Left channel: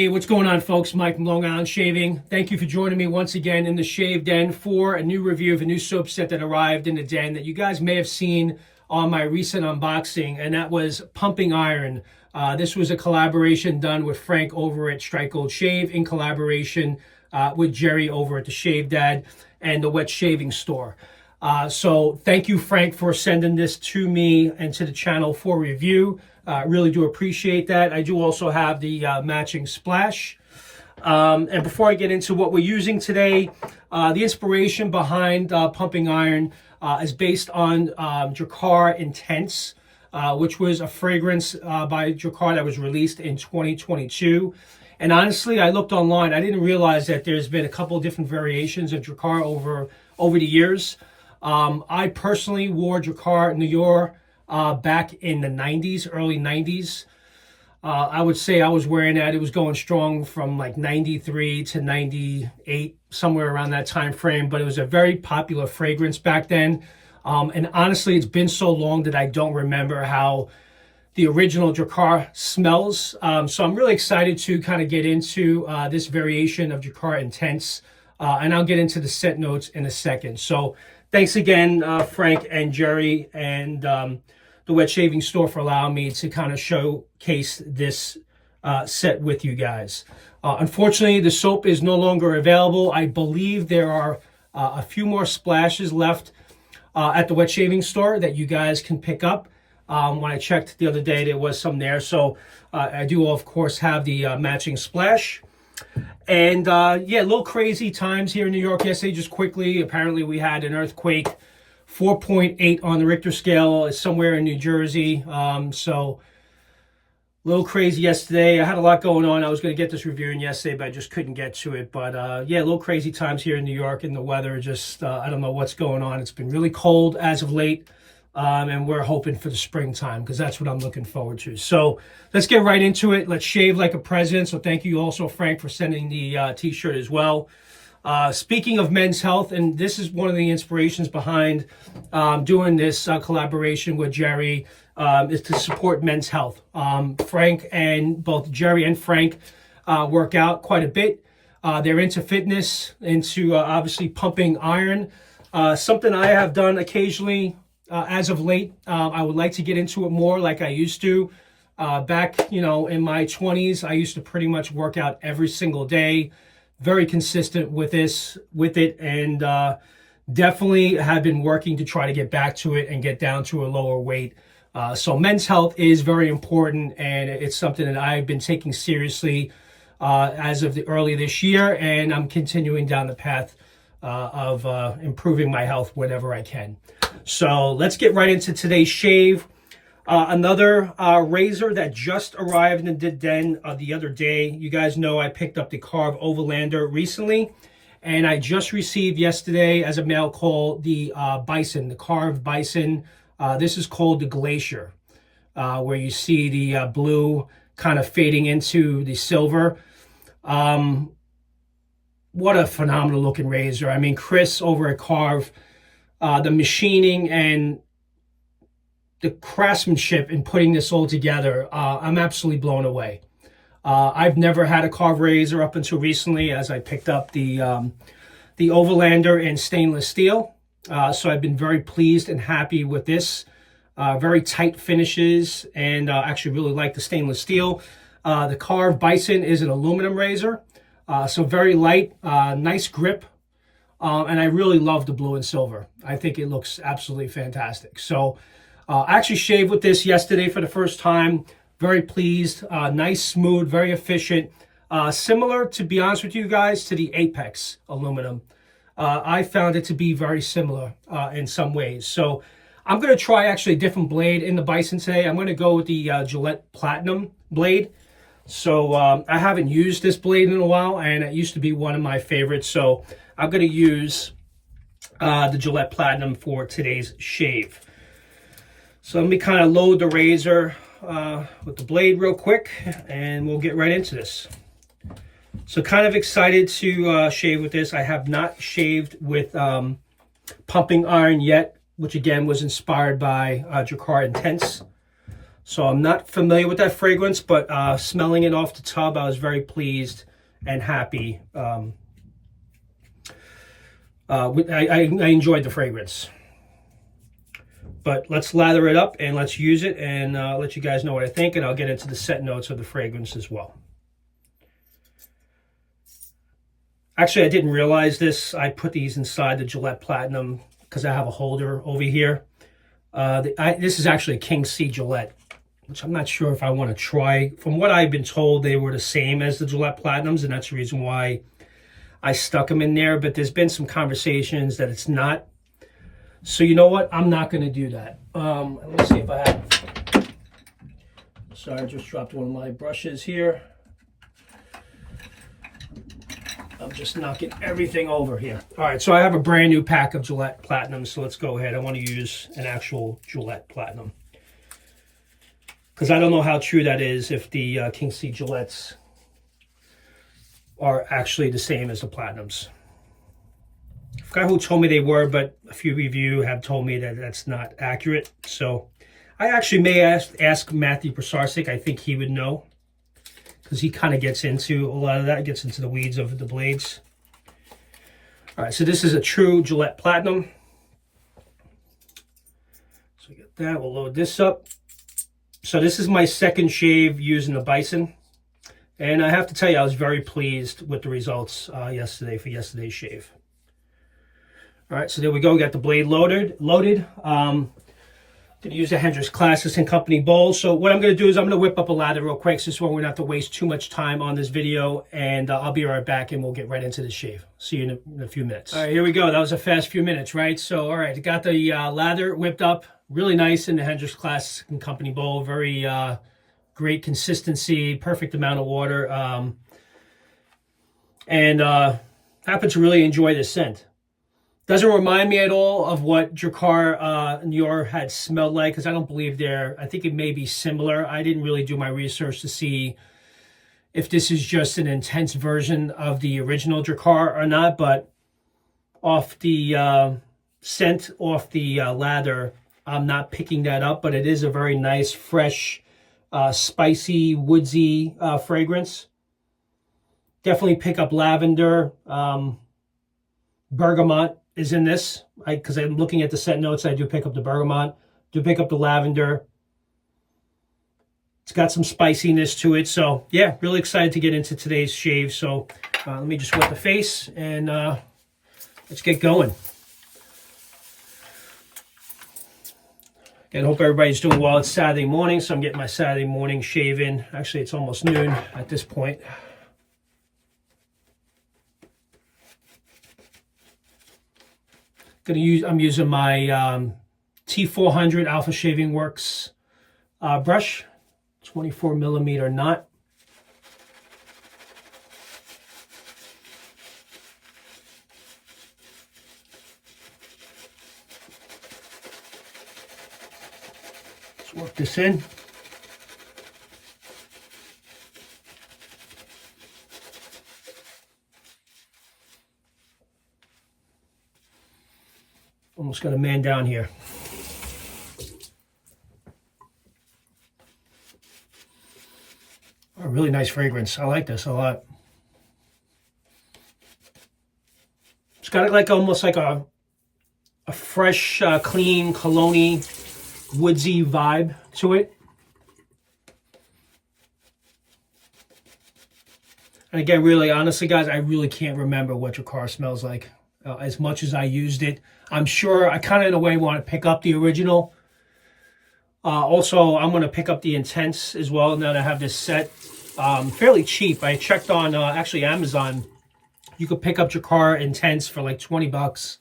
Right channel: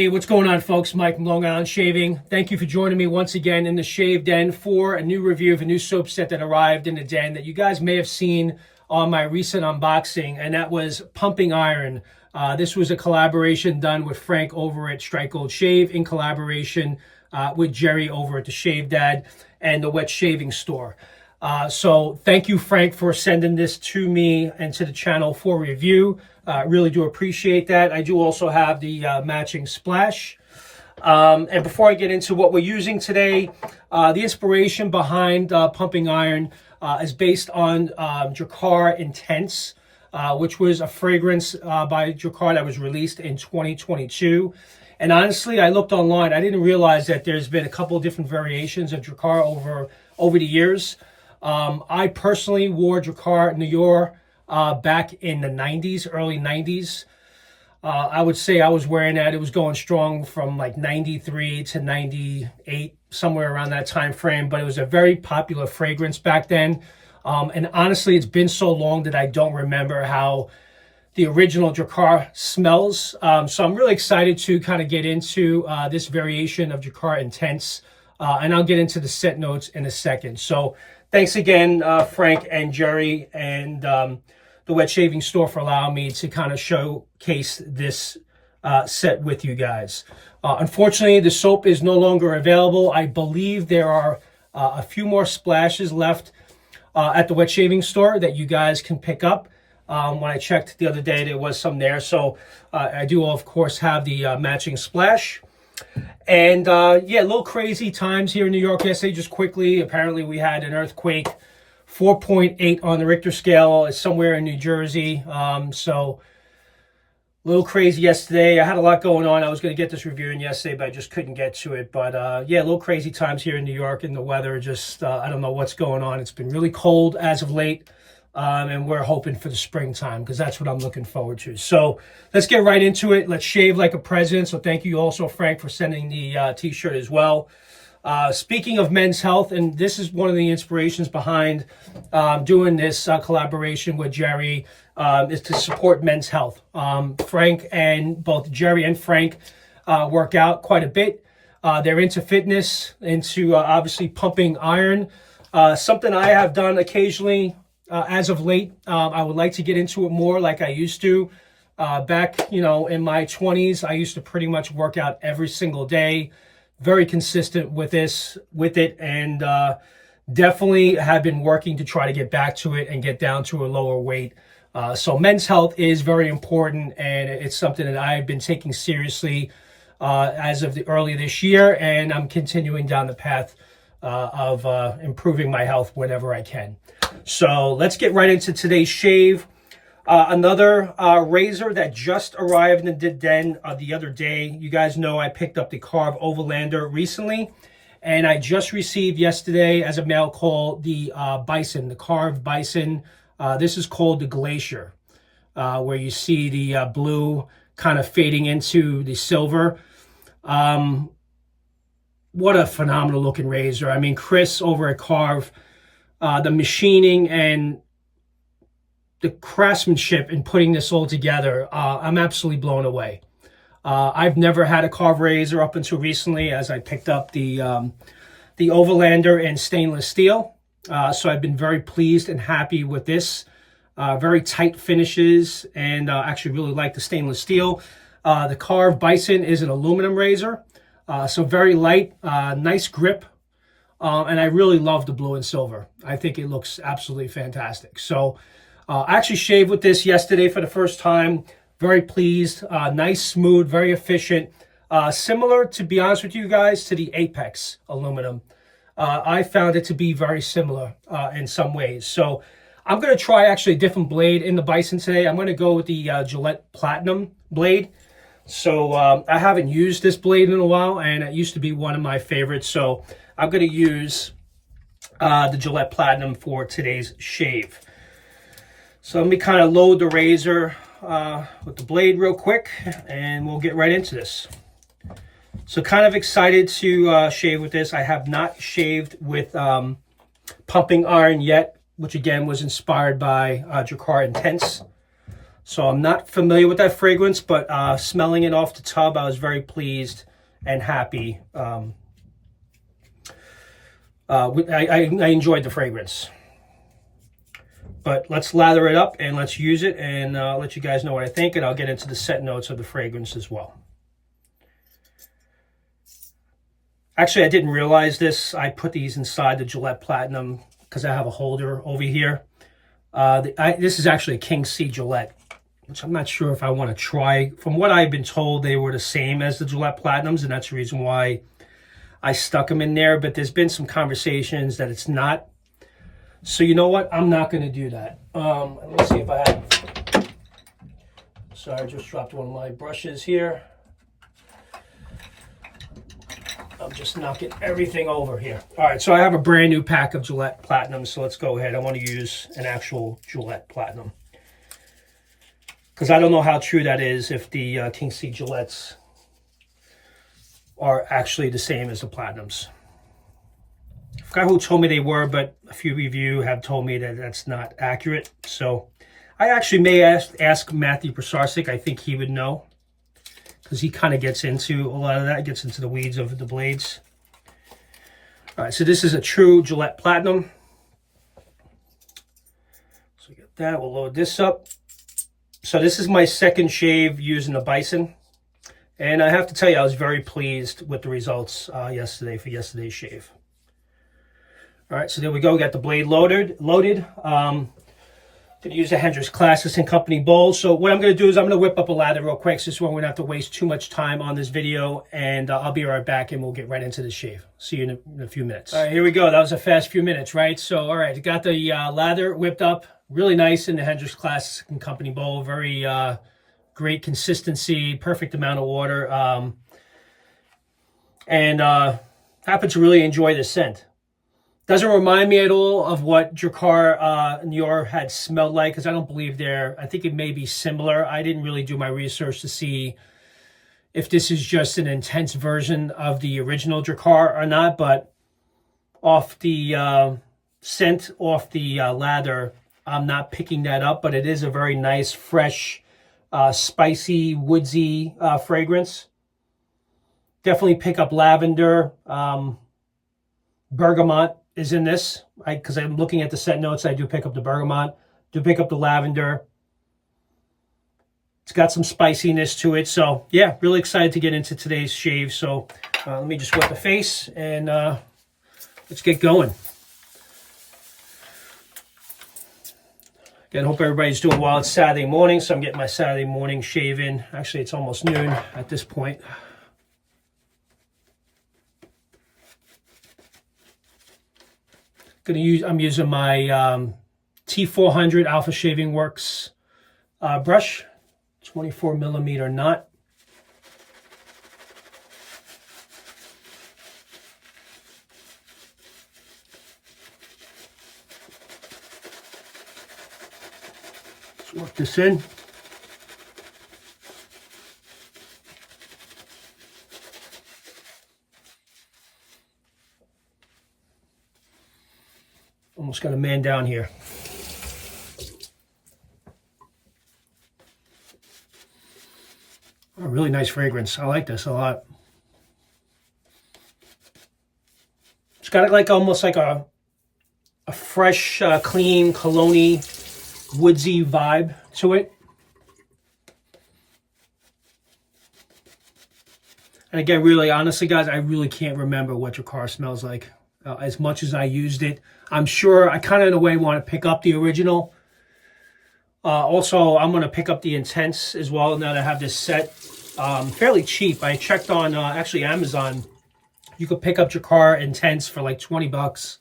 Hey, what's going on, folks? Mike from Long Island Shaving. Thank you for joining me once again in the Shave Den for a new review of a new soap set that arrived in the den that you guys may have seen on my recent unboxing, and that was Pumping Iron. This was a collaboration done with Frank over at Strike Gold Shave in collaboration with Jerry over at the Shave Dad and the Wet Shaving Store. So thank you, Frank, for sending this to me and to the channel for review. Really do appreciate that. I do also have the matching splash. And before I get into what we're using today, the inspiration behind Pumping Iron is based on Drakkar Intense, which was a fragrance by Drakkar that was released in 2022. And honestly, I looked online. I didn't realize that there's been a couple of different variations of Drakkar over the years. I personally wore Drakkar Noir back in the 90s, early 90s. I would say I was wearing that. It was going strong from like 93 to 98, somewhere around that time frame. But it was a very popular fragrance back then. And honestly, it's been so long that I don't remember how the original Drakkar smells. So I'm really excited to kind of get into this variation of Drakkar Intense. And I'll get into the scent notes in a second. So thanks again, Frank and Jerry and the Wet Shaving Store for allowing me to kind of showcase this set with you guys. Unfortunately, the soap is no longer available. I believe there are a few more splashes left at the Wet Shaving Store that you guys can pick up. When I checked the other day, there was some there. So I do, of course, have the matching splash. And yeah, a little crazy times here in New York yesterday. Just quickly, apparently we had an earthquake, 4.8 on the Richter scale. It's somewhere in New Jersey. So a little crazy yesterday. I had a lot going on. I was going to get this review in yesterday, but I just couldn't get to it. But yeah, a little crazy times here in New York, and the weather just, I don't know what's going on. It's been really cold as of late. And we're hoping for the springtime because that's what I'm looking forward to. So let's get right into it. Let's shave like a present. So thank you also, Frank, for sending the t-shirt as well. Speaking of men's health, and this is one of the inspirations behind doing this collaboration with Jerry, is to support men's health. Frank and both Jerry and Frank work out quite a bit. They're into fitness, into obviously pumping iron. Something I have done occasionally as of late. I would like to get into it more like I used to. Back, in my 20s, I used to pretty much work out every single day. Very consistent with it, and definitely have been working to try to get back to it and get down to a lower weight. So men's health is very important, and it's something that I've been taking seriously as of early this year, and I'm continuing down the path of improving my health whenever I can. So let's get right into today's shave. Another razor that just arrived in the den the other day. You guys know I picked up the Karve Overlander recently, and I just received yesterday as a mail call the Bison, the Karve Bison. This is called the Glacier, where you see the blue kind of fading into the silver. What a phenomenal looking razor. I mean, Chris over at Karve, the machining and the craftsmanship in putting this all together, I'm absolutely blown away. I've never had a Karve razor up until recently, as I picked up the Overlander in stainless steel. So I've been very pleased and happy with this. Very tight finishes, and actually really like the stainless steel. The Karve Bison is an aluminum razor, so very light, nice grip. And I really love the blue and silver. I think it looks absolutely fantastic. So I actually shaved with this yesterday for the first time. Very pleased. Nice, smooth, very efficient. Similar, to be honest with you guys, to the Apex aluminum. I found it to be very similar in some ways. So I'm going to try actually a different blade in the Bison today. I'm going to go with the Gillette Platinum blade. So I haven't used this blade in a while, and it used to be one of my favorites. So I'm going to use the Gillette Platinum for today's shave. So let me kind of load the razor with the blade real quick, and we'll get right into this. So kind of excited to shave with this. I have not shaved with Pumping Iron yet, which again was inspired by Drakkar Intense. So I'm not familiar with that fragrance, but smelling it off the tub, I was very pleased and happy. I enjoyed the fragrance. But let's lather it up and let's use it and let you guys know what I think, and I'll get into the scent notes of the fragrance as well. Actually, I didn't realize this. I put these inside the Gillette Platinum because I have a holder over here. This is actually a King C Gillette, which I'm not sure if I want to try. From what I've been told, they were the same as the Gillette Platinums, and that's the reason why I stuck them in there. But there's been some conversations that it's not. So you know what? I'm not going to do that. Let me see if I have... Sorry, I just dropped one of my brushes here. I'm just knocking everything over here. All right, so I have a brand new pack of Gillette Platinum, so let's go ahead. I want to use an actual Gillette Platinum, because I don't know how true that is, if the King C Gillettes are actually the same as the Platinums. I forgot who told me they were, but a few of you have told me that that's not accurate. So I actually may ask Matthew Prosarsik. I think he would know, because he kind of gets into a lot of that, gets into the weeds of the blades. All right, so this is a true Gillette Platinum. So we get that, we'll load this up. So this is my second shave using the Bison. And I have to tell you, I was very pleased with the results yesterday for yesterday's shave. All right, so there we go. We got the blade loaded. Gonna use the Hendrix Classics and Company bowl. So what I'm gonna do is I'm gonna whip up a lather real quick, so we're gonna have to waste too much time on this video, and I'll be right back and we'll get right into the shave. See you in a few minutes. All right, here we go. That was a fast few minutes, right? So, all right, I got the lather whipped up, really nice in the Hendrix Classics and Company bowl. Very great consistency, perfect amount of water, and happen to really enjoy the scent. Doesn't remind me at all of what Drakkar Nior had smelled like, because I don't believe I think it may be similar. I didn't really do my research to see if this is just an intense version of the original Drakkar or not, but off the scent, off the lather, I'm not picking that up, but it is a very nice, fresh, spicy, woodsy fragrance. Definitely pick up lavender, bergamot is in this, because I'm looking at the scent notes. I do pick up the bergamot, do pick up the lavender. It's got some spiciness to it. So yeah, really excited to get into today's shave. So let me just whip the face and let's get going. Again, hope everybody's doing well. It's Saturday morning, so I'm getting my Saturday morning shave in. Actually, it's almost noon at this point. I'm using my T400 Alpha Shaving Works brush, 24 millimeter knot. Let's work this in. Almost got a man down here. A really nice fragrance. I like this a lot. It's got like almost like a fresh, clean, cologne-y, woodsy vibe to it. And again, really, honestly, guys, I really can't remember what Drakkar smells like. As much as I used it, I'm sure I kind of in a way want to pick up the original. Also, I'm going to pick up the Intense as well now that I have this set. Fairly cheap. I checked on actually Amazon. You could pick up Drakkar Intense for like 20 bucks.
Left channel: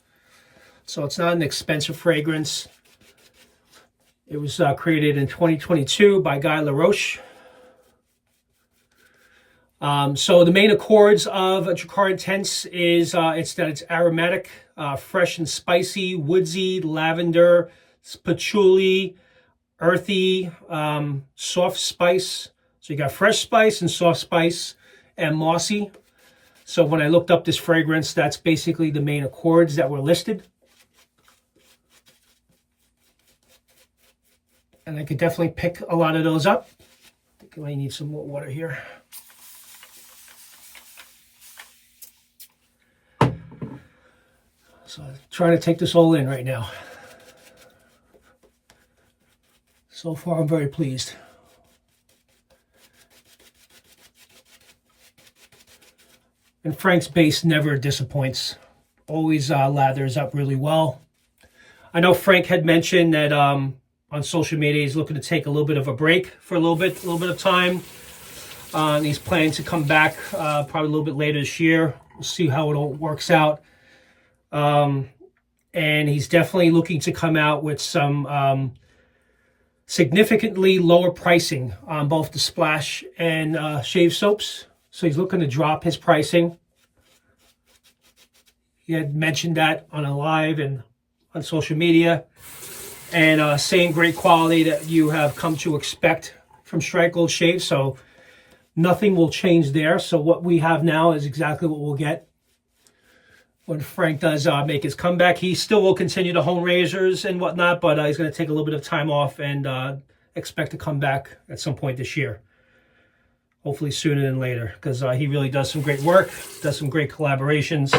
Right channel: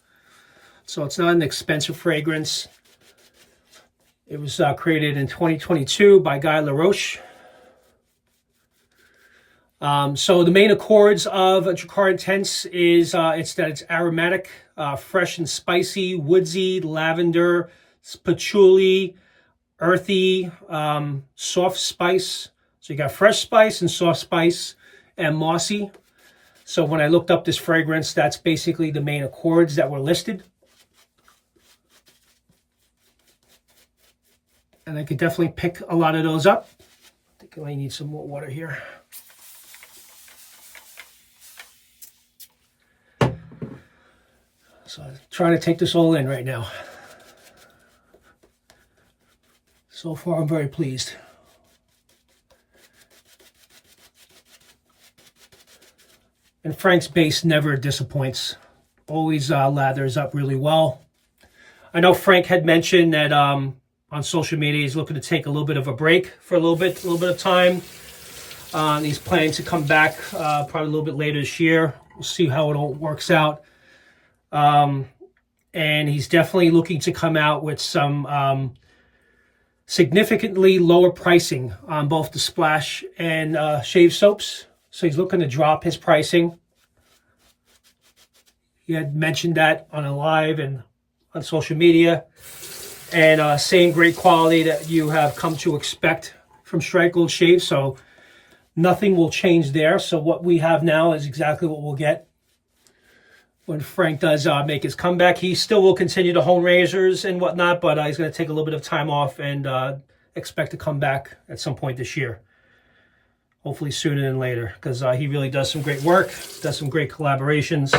So it's not an expensive fragrance. It was created in 2022 by Guy LaRoche. So the main accords of Drakkar Intense is it's aromatic, fresh and spicy, woodsy, lavender, patchouli, earthy, soft spice. So you got fresh spice and soft spice and mossy. So when I looked up this fragrance, that's basically the main accords that were listed. And I could definitely pick a lot of those up. I think I might need some more water here. So I'm trying to take this all in right now. So far, I'm very pleased. And Frank's base never disappoints. Always lathers up really well. I know Frank had mentioned that on social media he's looking to take a little bit of a break for a little bit of time. And he's planning to come back probably a little bit later this year. We'll see how it all works out. And he's definitely looking to come out with some significantly lower pricing on both the splash and shave soaps. So he's looking to drop his pricing. He had mentioned that on a live and on social media. And same great quality that you have come to expect from Strike Gold Shave. So nothing will change there. So what we have now is exactly what we'll get when Frank does make his comeback. He still will continue to hone razors and whatnot, but he's going to take a little bit of time off and expect to come back at some point this year. Hopefully sooner than later, because he really does some great work, does some great collaborations.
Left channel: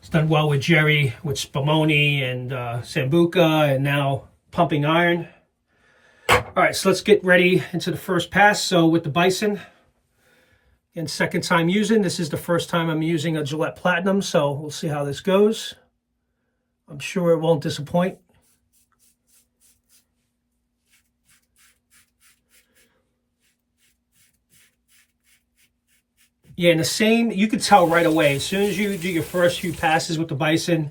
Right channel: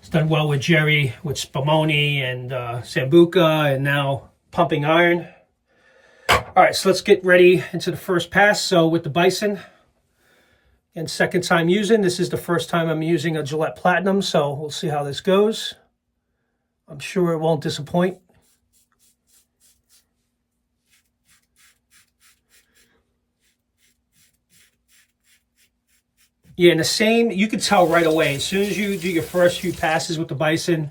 He's done well with Jerry, with Spumoni and Sambuca, and now Pumping Iron. All right, so let's get ready into the first pass. So with the Bison, and second time using. This is the first time I'm using a Gillette Platinum, so we'll see how this goes. I'm sure it won't disappoint. Yeah, and the same, you can tell right away, as soon as you do your first few passes with the Bison,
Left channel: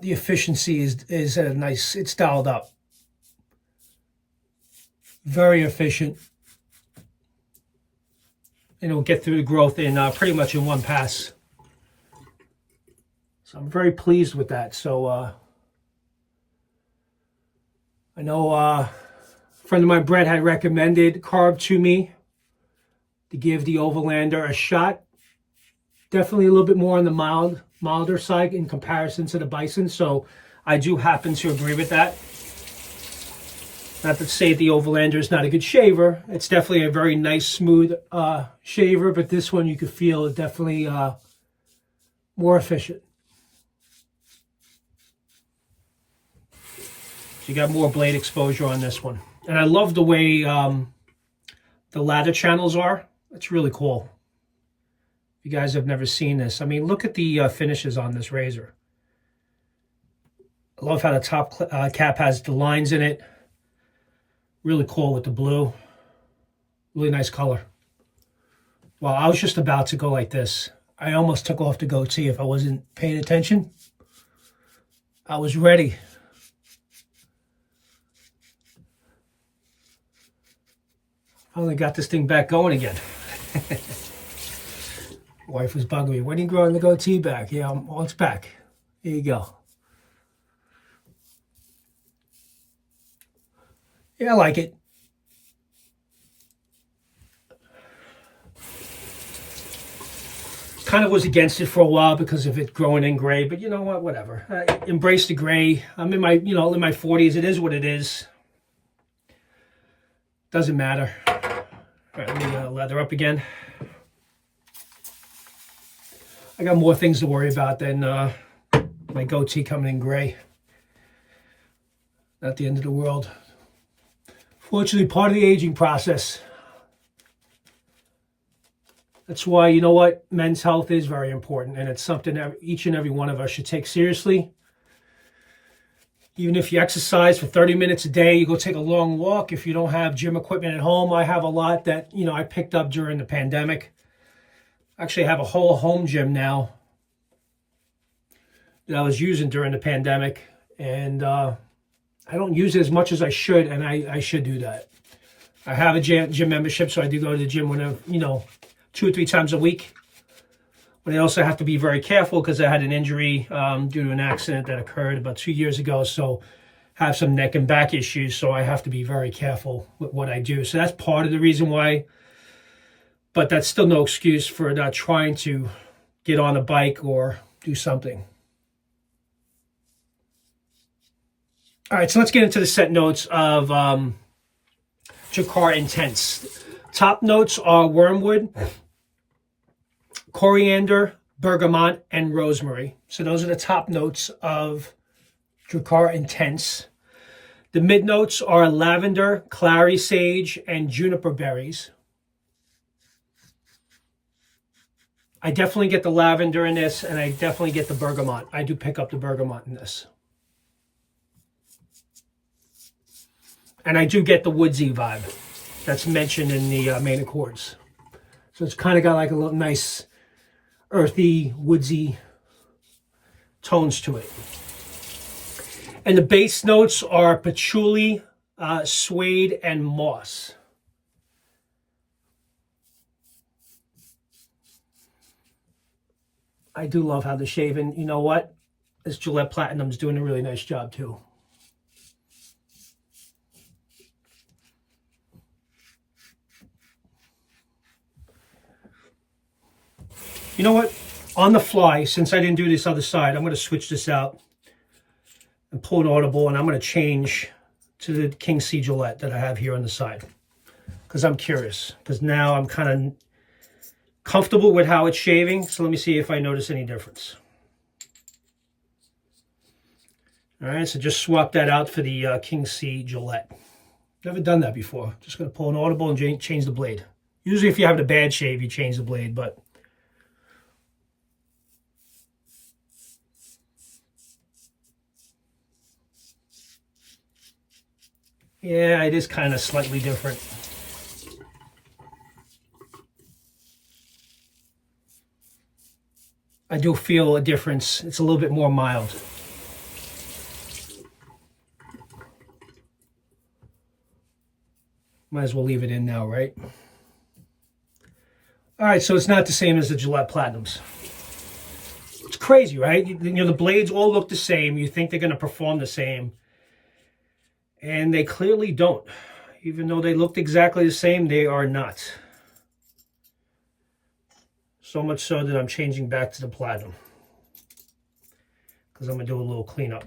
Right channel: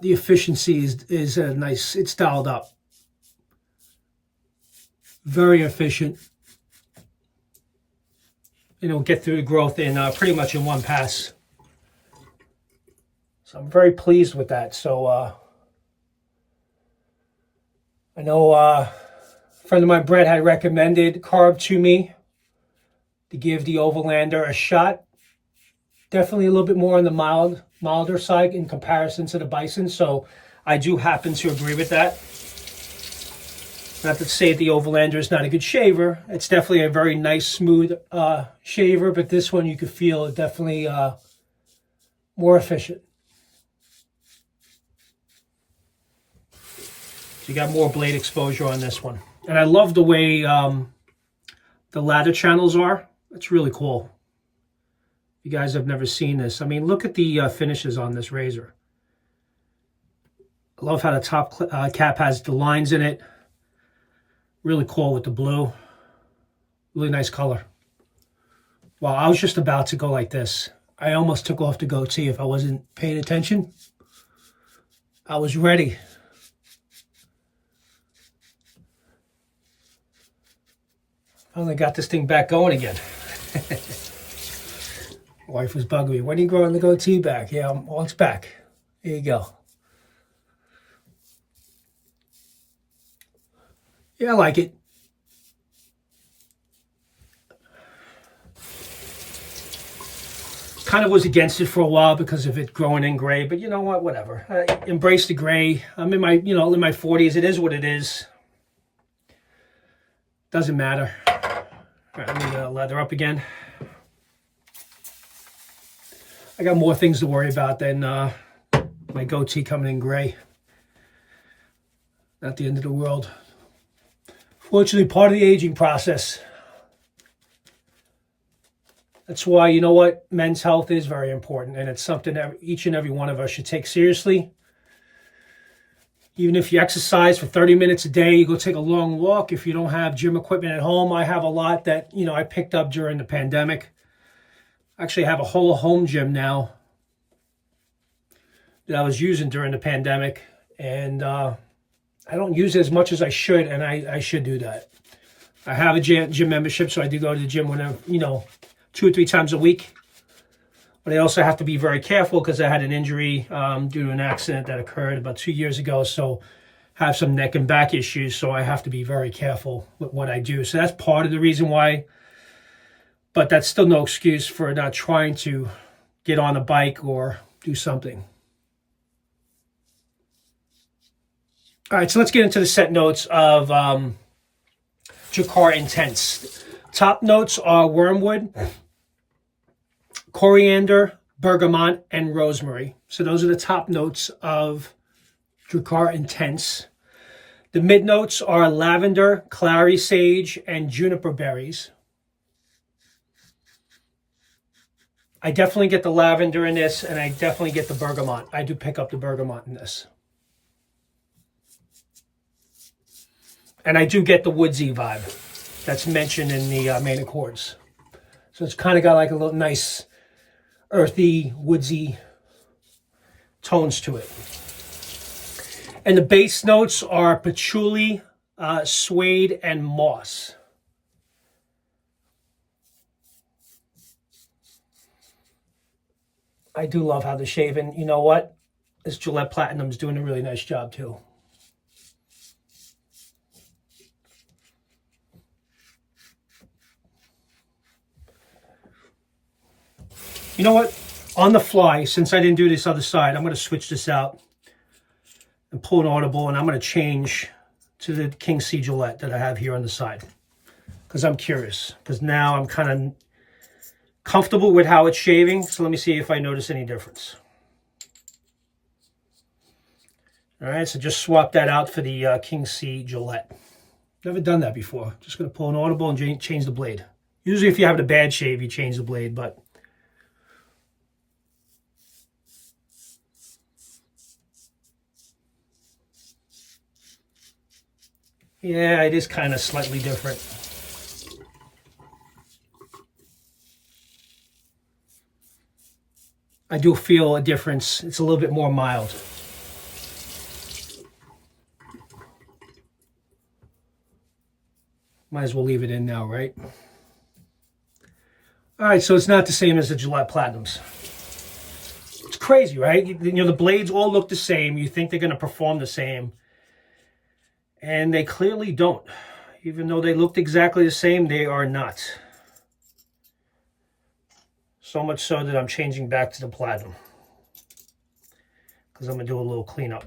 the efficiency is nice, it's dialed up. Very efficient. And it'll get through the growth in pretty much in one pass. So I'm very pleased with that. So I know a friend of mine, Brett, had recommended Karve to me to give the Overlander a shot. Definitely a little bit more on the milder side in comparison to the Bison. So I do happen to agree with that. Not to say the Overlander is not a good shaver. It's definitely a very nice, smooth shaver, but this one you can feel is definitely more efficient. So you got more blade exposure on this one. And I love the way the lather channels are. It's really cool. If you guys have never seen this, I mean, look at the finishes on this razor. I love how the top cap has the lines in it. Really cool with the blue. Really nice color. Wow, I was just about to go like this. I almost took off the goatee if I wasn't paying attention. I was ready. Finally got this thing back going again. Wife was bugging me. When are you growing the goatee back? Yeah, well, it's back. There you go. Yeah, I like it. Kind of was against it for a while because of it growing in gray, but you know what? Whatever. I embrace the gray. I'm in my, in my 40s. It is what it is. Doesn't matter. All right, let me lather up again. I got more things to worry about than my goatee coming in gray. Not the end of the world. Fortunately, part of the aging process. That's why, you know what, men's health is very important, and it's something that each and every one of us should take seriously. Even if you exercise for 30 minutes a day, you go take a long walk. If you don't have gym equipment at home, I have a lot that, I picked up during the pandemic. Actually, I have a whole home gym now that I was using during the pandemic, and I don't use it as much as I should, and I should do that. I have a gym membership, so I do go to the gym whenever, 2 or 3 times a week. But I also have to be very careful because I had an injury due to an accident that occurred about 2 years ago. So I have some neck and back issues, so I have to be very careful with what I do. So that's part of the reason why. But that's still no excuse for not trying to get on a bike or do something. All right, so let's get into the scent notes of Drakkar Intense. Top notes are wormwood, coriander, bergamot, and rosemary. So those are the top notes of Drakkar Intense. The mid notes are lavender, clary sage, and juniper berries. I definitely get the lavender in this, and I definitely get the bergamot. I do pick up the bergamot in this. And I do get the woodsy vibe that's mentioned in the main accords. So it's kind of got like a little nice earthy, woodsy tones to it. And the base notes are patchouli, suede, and moss. I do love how the shave, and you know what? This Gillette Platinum's doing a really nice job too. You know what? On the fly, since I didn't do this other side, I'm going to switch this out and pull an audible, and I'm going to change to the King C Gillette that I have here on the side. Because I'm curious. Because now I'm kind of comfortable with how it's shaving. So let me see if I notice any difference. All right, so just swap that out for the King C Gillette. Never done that before. Just going to pull an audible and change the blade. Usually if you have a bad shave, you change the blade, but... yeah, it is kind of slightly different. I do feel a difference. It's a little bit more mild. Might as well leave it in now, right? All right, so it's not the same as the Gillette Platinums. It's crazy, right? You know, the blades all look the same. You think they're going to perform the same. And they clearly don't. Even though they looked exactly the same, they are not. So much so that I'm changing back to the Platinum. Because I'm going to do a little cleanup.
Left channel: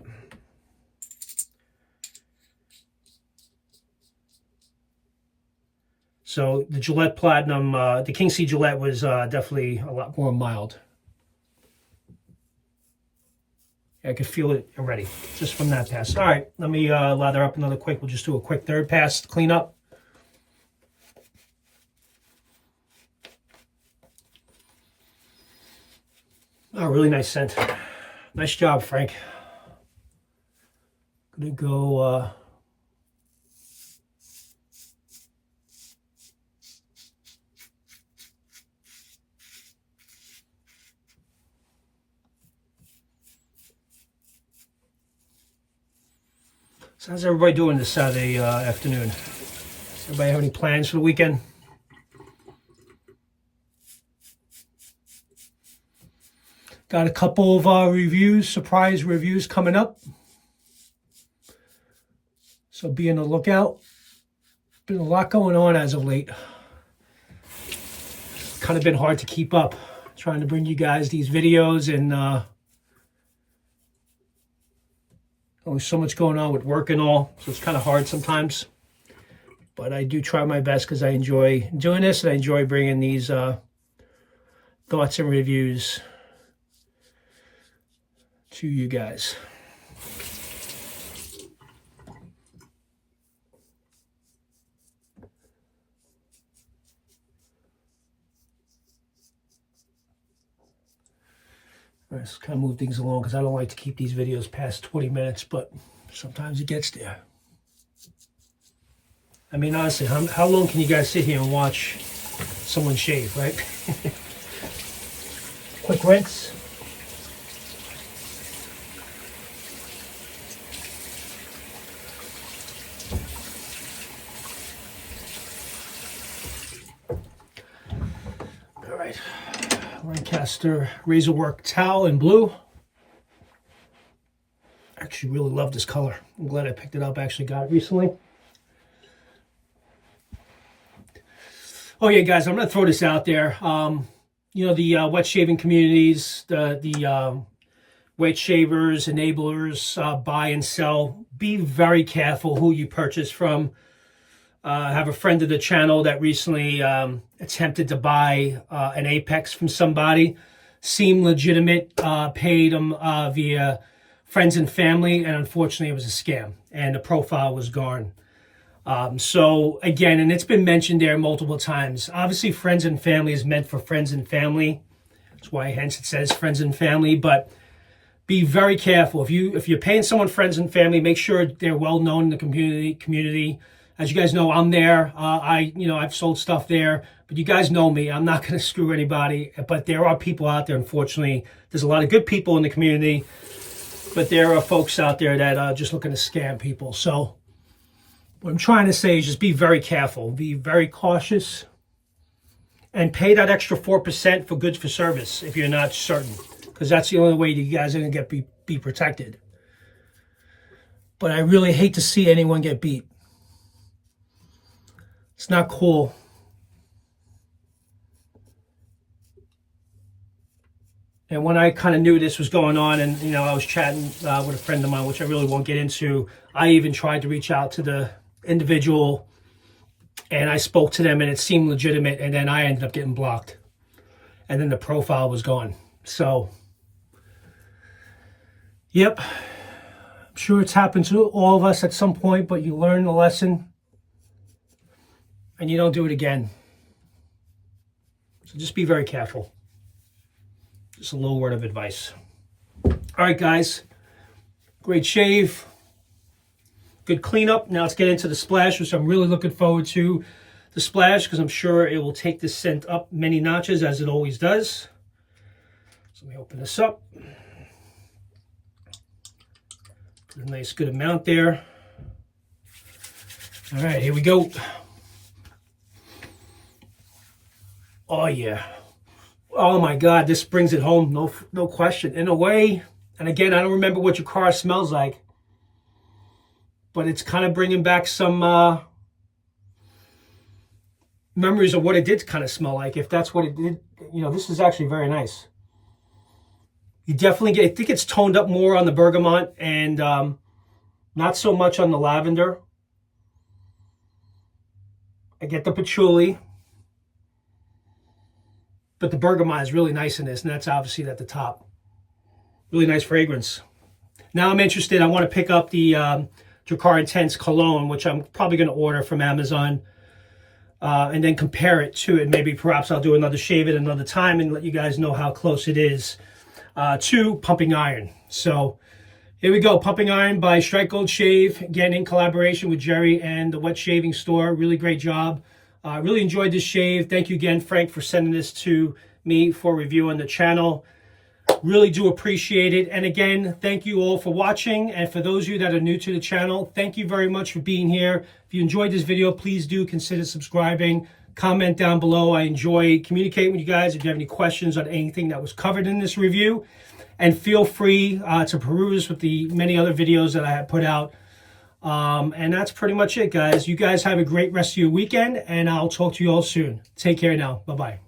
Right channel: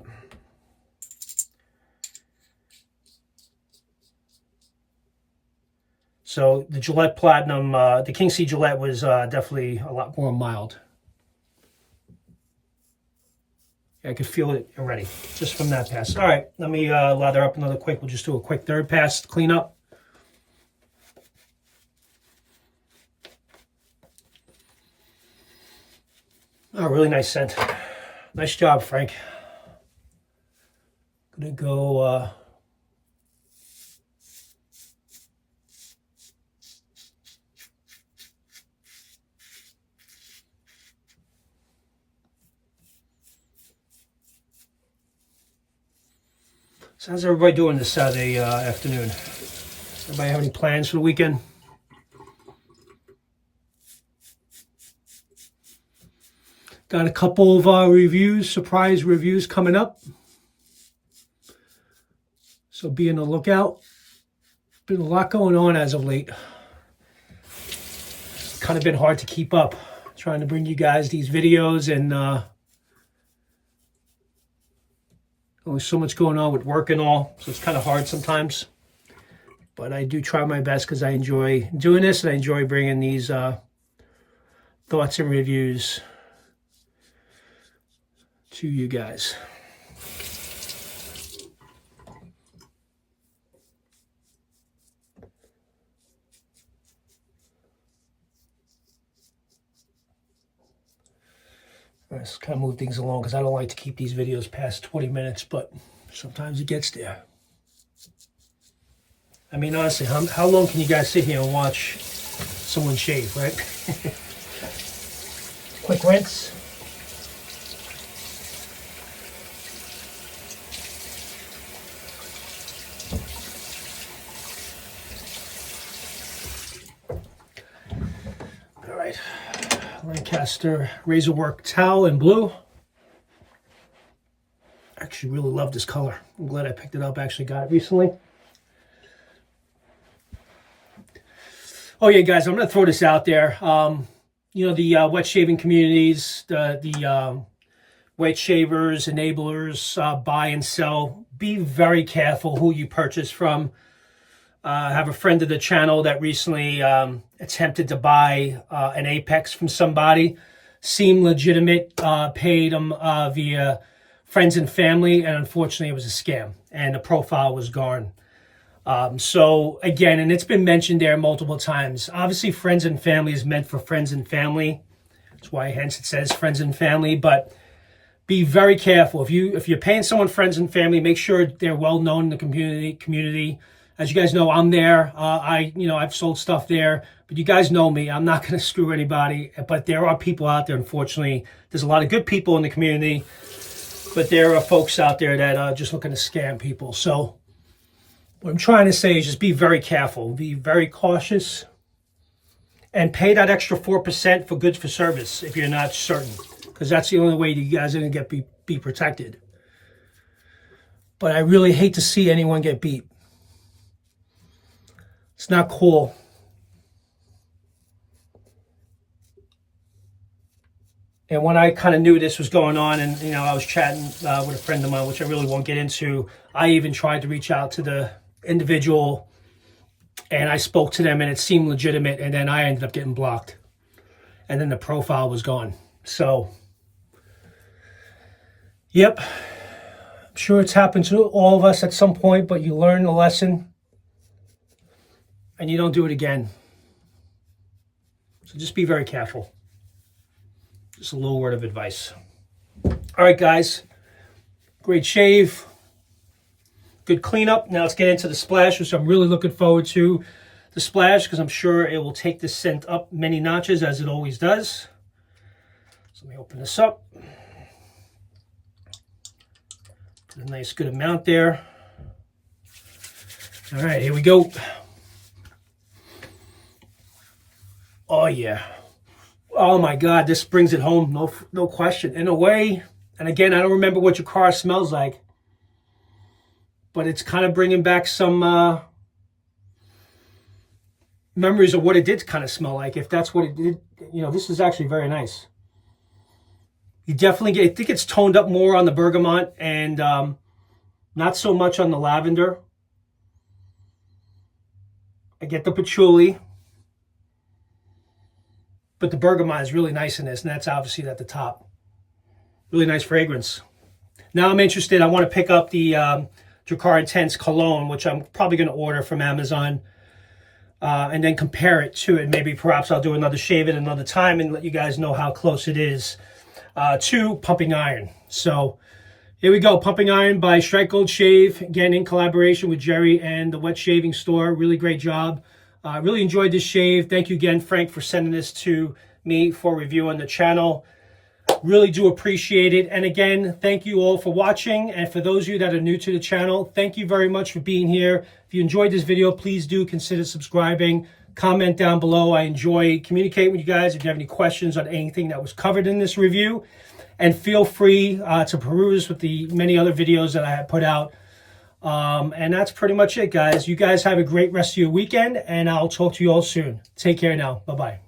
So the Gillette Platinum, the King C Gillette was definitely a lot more mild. I could feel it already, just from that pass. All right, let me lather up another quick. We'll just do a quick third pass to clean up. Oh, really nice scent. Nice job, Frank. Gonna go... So how's everybody doing this Saturday afternoon? Everybody have any plans for the weekend? Got a couple of reviews, surprise reviews coming up. So be on the lookout. Been a lot going on as of late. Kind of been hard to keep up. Trying to bring you guys these videos, and there's so much going on with work and all, so it's kind of hard sometimes. But I do try my best because I enjoy doing this, and I enjoy bringing these thoughts and reviews to you guys. Let's kind of move things along because I don't like to keep these videos past 20 minutes, but sometimes it gets there. I mean, honestly, how long can you guys sit here and watch someone shave, right? Quick rinse. All right. Lancaster Razorwork towel in blue. Actually really love this color. I'm glad I picked it up. Actually got it recently. Oh yeah, guys, I'm going to throw this out there. You know, the wet shaving communities, the wet shavers, enablers, buy and sell be very careful who you purchase from. I have a friend of the channel that recently attempted to buy an Apex from somebody. Seemed legitimate, paid them via friends and family, and unfortunately it was a scam, and the profile was gone. So again, and it's been mentioned there multiple times, obviously friends and family is meant for friends and family. That's why hence it says friends and family, but be very careful. If you're paying someone friends and family, make sure they're well known in the community. As you guys know, I'm there. I've sold stuff there, but you guys know me. I'm not going to screw anybody, but there are people out there, unfortunately. There's a lot of good people in the community, but there are folks out there that are just looking to scam people. So what I'm trying to say is just be very careful, be very cautious, and pay that extra 4% for goods for service if you're not certain, because that's the only way you guys are going to be protected. But I really hate to see anyone get beat. It's not cool. And when I kind of knew this was going on, and I was chatting with a friend of mine, which I really won't get into, I even tried to reach out to the individual, and I spoke to them, and it seemed legitimate, and then I ended up getting blocked, and then the profile was gone. So, yep, I'm sure it's happened to all of us at some point, but you learn the lesson, and you don't do it again. So just be very careful. Just a little word of advice. All right, guys. Great shave. Good cleanup. Now let's get into the splash, which I'm really looking forward to. The splash, because I'm sure it will take this scent up many notches, as it always does. So let me open this up. Put a nice good amount there. All right, here we go. Oh, yeah. Oh, my God. This brings it home. No question. In a way, and again, I don't remember what your car smells like, but it's kind of bringing back some memories of what it did kind of smell like, if that's what it did. This is actually very nice. You definitely I think it's toned up more on the bergamot and not so much on the lavender. I get the patchouli. But the bergamot is really nice in this, and that's obviously at the top. Really nice fragrance. Now I'm interested. I want to pick up the Drakkar Intense Cologne, which I'm probably going to order from Amazon, and then compare it to it. Maybe perhaps I'll do another shave at another time and let you guys know how close it is to Pumping Iron. So here we go. Pumping Iron by Strike Gold Shave, again in collaboration with Jerry and the Wet Shaving Store. Really great job. Really enjoyed this shave. Thank you again, Frank, for sending this to me for review on the channel. Really do appreciate it. And again, thank you all for watching. And for those of you that are new to the channel, thank you very much for being here. If you enjoyed this video, please do consider subscribing. Comment down below. I enjoy communicating with you guys if you have any questions on anything that was covered in this review. And feel free to peruse with the many other videos that I have put out. And that's pretty much it, guys. You guys have a great rest of your weekend, and I'll talk to you all soon. Take care now. Bye-bye.